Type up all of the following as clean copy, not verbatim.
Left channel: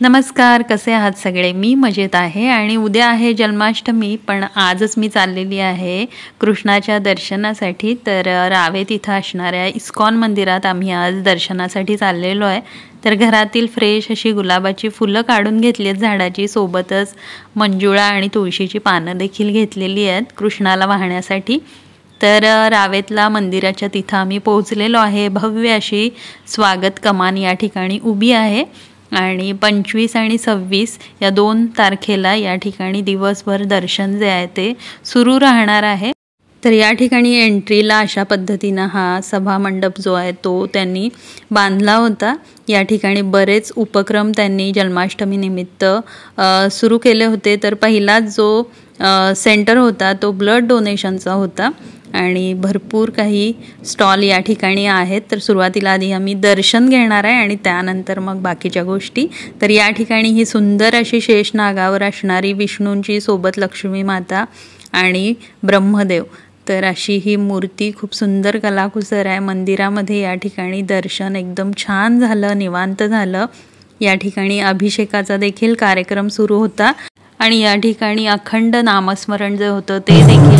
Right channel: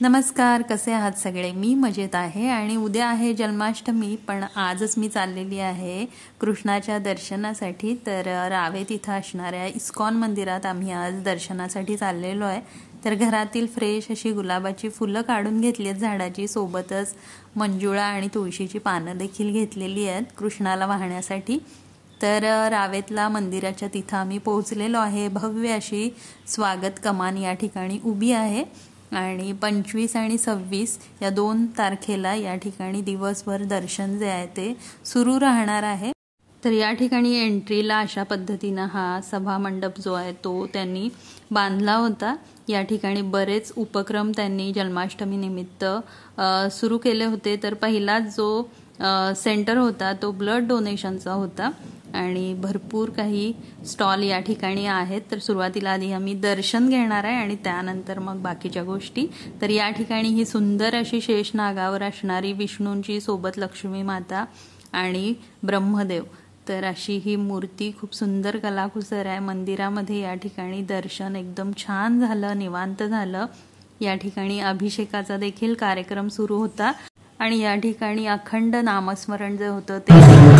नमस्कार, कसे आहात सगळे? मी मजेत आहे आणि उद्या आहे जन्माष्टमी, पण आजच मी चाललेली आहे कृष्णाच्या दर्शनासाठी. तर रावेत इथं असणाऱ्या इस्कॉन मंदिरात आम्ही आज दर्शनासाठी चाललेलो आहे. तर घरातील फ्रेश अशी गुलाबाची फुलं काढून घेतली आहेत झाडाची, सोबतच मंजुळा आणि तुळशीची पानं देखील घेतलेली आहेत कृष्णाला वाहण्यासाठी. तर रावेतला मंदिराच्या तिथं आम्ही पोहोचलेलो आहे. भव्य अशी स्वागत कमान या ठिकाणी उभी आहे आणि 25 आणि 26 या 2 तारखेला या ठिकाणी दिवसभर दर्शन जे आहे ते सुरू राहणार आहे. तर या ठिकाणी एंट्रीला अशा पद्धतीनं हा सभा मंडप जो आहे तो त्यांनी बांधला होता. या ठिकाणी बरेच उपक्रम त्यांनी जन्माष्टमी निमित्त सुरू केले होते. तर पहिलाच जो सेंटर होता तो ब्लड डोनेशनचा होता आणि भरपूर काही स्टॉल या ठिकाणी आहेत. तर सुरुवातीला आधी आम्ही दर्शन घेणार आहे आणि त्यानंतर मग बाकीच्या गोष्टी. तर या ठिकाणी ही सुंदर अशी शेषनागावर असणारी विष्णूंची सोबत लक्ष्मी माता आणि ब्रह्मदेव, तर अशी ही मूर्ती खूप सुंदर कलाकुसर आहे. मंदिरामध्ये या ठिकाणी दर्शन एकदम छान झालं, निवांत झालं. या ठिकाणी अभिषेकाचा देखील कार्यक्रम सुरू होता आणि या ठिकाणी अखंड नामस्मरण जे होतं ते देखील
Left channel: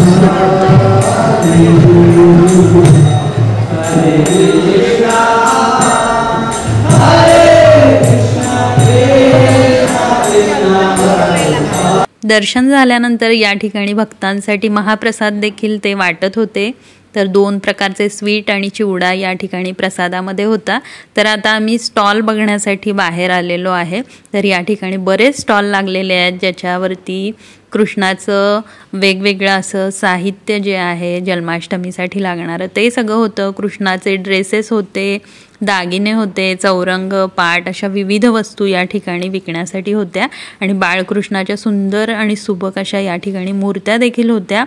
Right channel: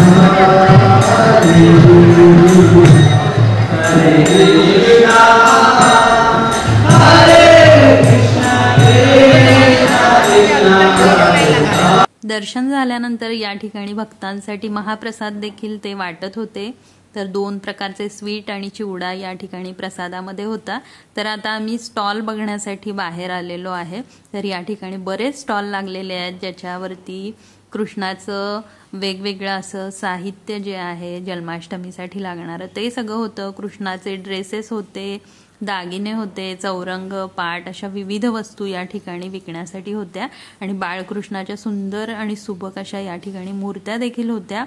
दर्शन झाल्यानंतर या ठिकाणी भक्तांसाठी महाप्रसाद देखील ते वाटत होते. तर 2 प्रकारचे स्वीट आणि चिवडा या ठिकाणी प्रसादामध्ये होता. तर आता आम्ही स्टॉल बघण्यासाठी बाहेर आलेलो आहे. तर या ठिकाणी बरेच स्टॉल लागलेले आहेत ज्याच्यावरती कृष्णाचं वेगवेगळं असं साहित्य जे आहे जन्माष्टमीसाठी लागणारं ते सगळं होतं. कृष्णाचे ड्रेसेस होते, दागिने होते, चौरंग, पाट अशा विविध वस्तू या ठिकाणी विकण्यासाठी होत्या आणि बाळकृष्णाच्या सुंदर आणि सुबक अशा या ठिकाणी मूर्त्या देखील होत्या.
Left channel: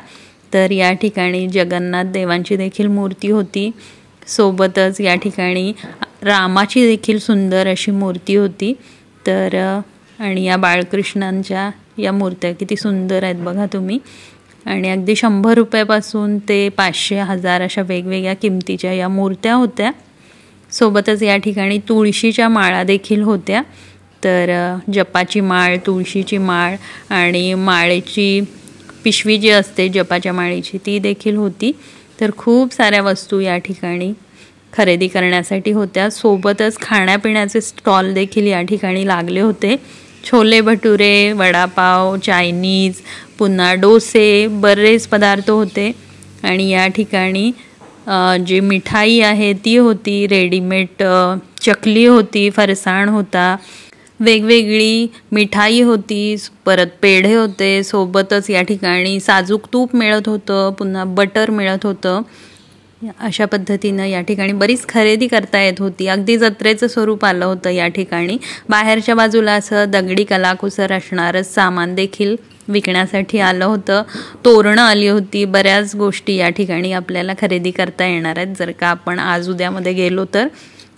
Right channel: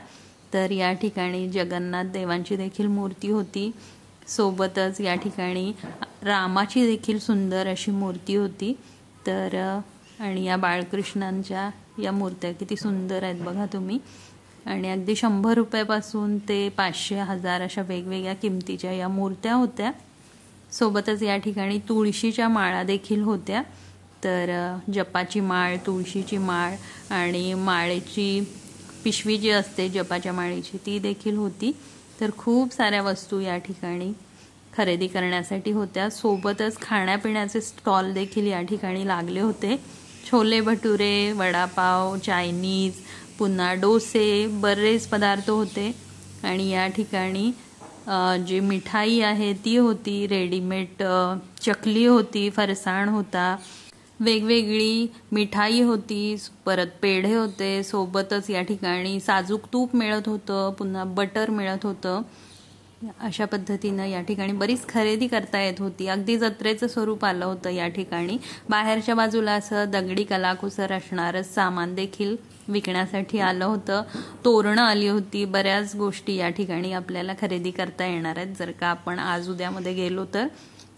तर या ठिकाणी जगन्नाथ देवांची देखील मूर्ती होती, सोबतच या ठिकाणी रामाची देखील सुंदर अशी मूर्ती होती. तर आणि या बाळकृष्णांच्या या मूर्त्या किती सुंदर आहेत बघा तुम्ही. आणि अगदी 100 रुपयापासून ते 500, 1000 अशा वेगवेगळ्या किमतीच्या या मूर्त्या होत्या. सोबतच या ठिकाणी तुळशीच्या माळा देखील होत्या. तर जपाची माळ, तुळशीची माळ आणि माळेची पिशवी जी असते जपाच्या माळेची ती देखील होती. तर खूप साऱ्या वस्तू या ठिकाणी खरेदी करण्यासाठी होत्या. सोबतच खाण्यापिण्याचे स्टॉल देखील या ठिकाणी लागले होते. छोले भटुरे, वडापाव, चायनीज, पुन्हा डोसे, बरेच पदार्थ होते. आणि या ठिकाणी जी मिठाई आहे ती होती, रेडीमेड चकली होती, फरसाण होता, वेगवेगळी मिठाई होती, परत पेढे होते. सोबतच या ठिकाणी साजूक तूप मिळत होतं, पुन्हा बटर मिळत होतं. अशा पद्धतीनं या ठिकाणी बरीच खरेदी करता येत होती. अगदी जत्रेचं स्वरूप आलं होतं या ठिकाणी. बाहेरच्या बाजूला असं दगडी कलाकुसर असणारं सामान देखील विकण्यासाठी आलं होतं. तोरणं आली होती. बऱ्याच गोष्टी या ठिकाणी आपल्याला खरेदी करता येणार आहेत जर का आपण आज उद्यामध्ये गेलो तर.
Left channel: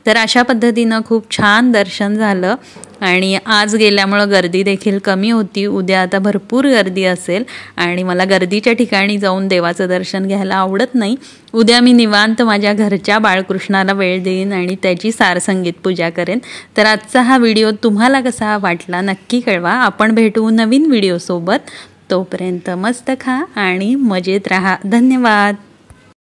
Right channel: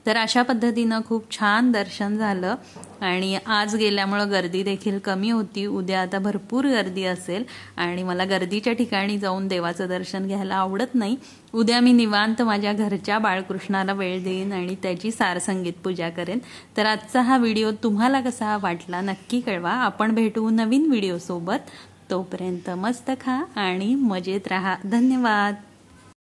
तर अशा पद्धतीनं खूप छान दर्शन झालं आणि आज गेल्यामुळं गर्दी देखील कमी होती. उद्या आता भरपूर गर्दी असेल आणि मला गर्दीच्या ठिकाणी जाऊन देवाचं दर्शन घ्यायला आवडत नाही. उद्या मी निवांत माझ्या घरच्या बाळकृष्णाला वेळ देईन आणि त्याची सारसंगीत पूजा करेन. तर आजचा हा व्हिडिओ तुम्हाला कसा वाटला नक्की कळवा. आपण भेटू नवीन व्हिडिओसोबत. तोपर्यंत मस्त खा आणि मजेत राहा. धन्यवाद.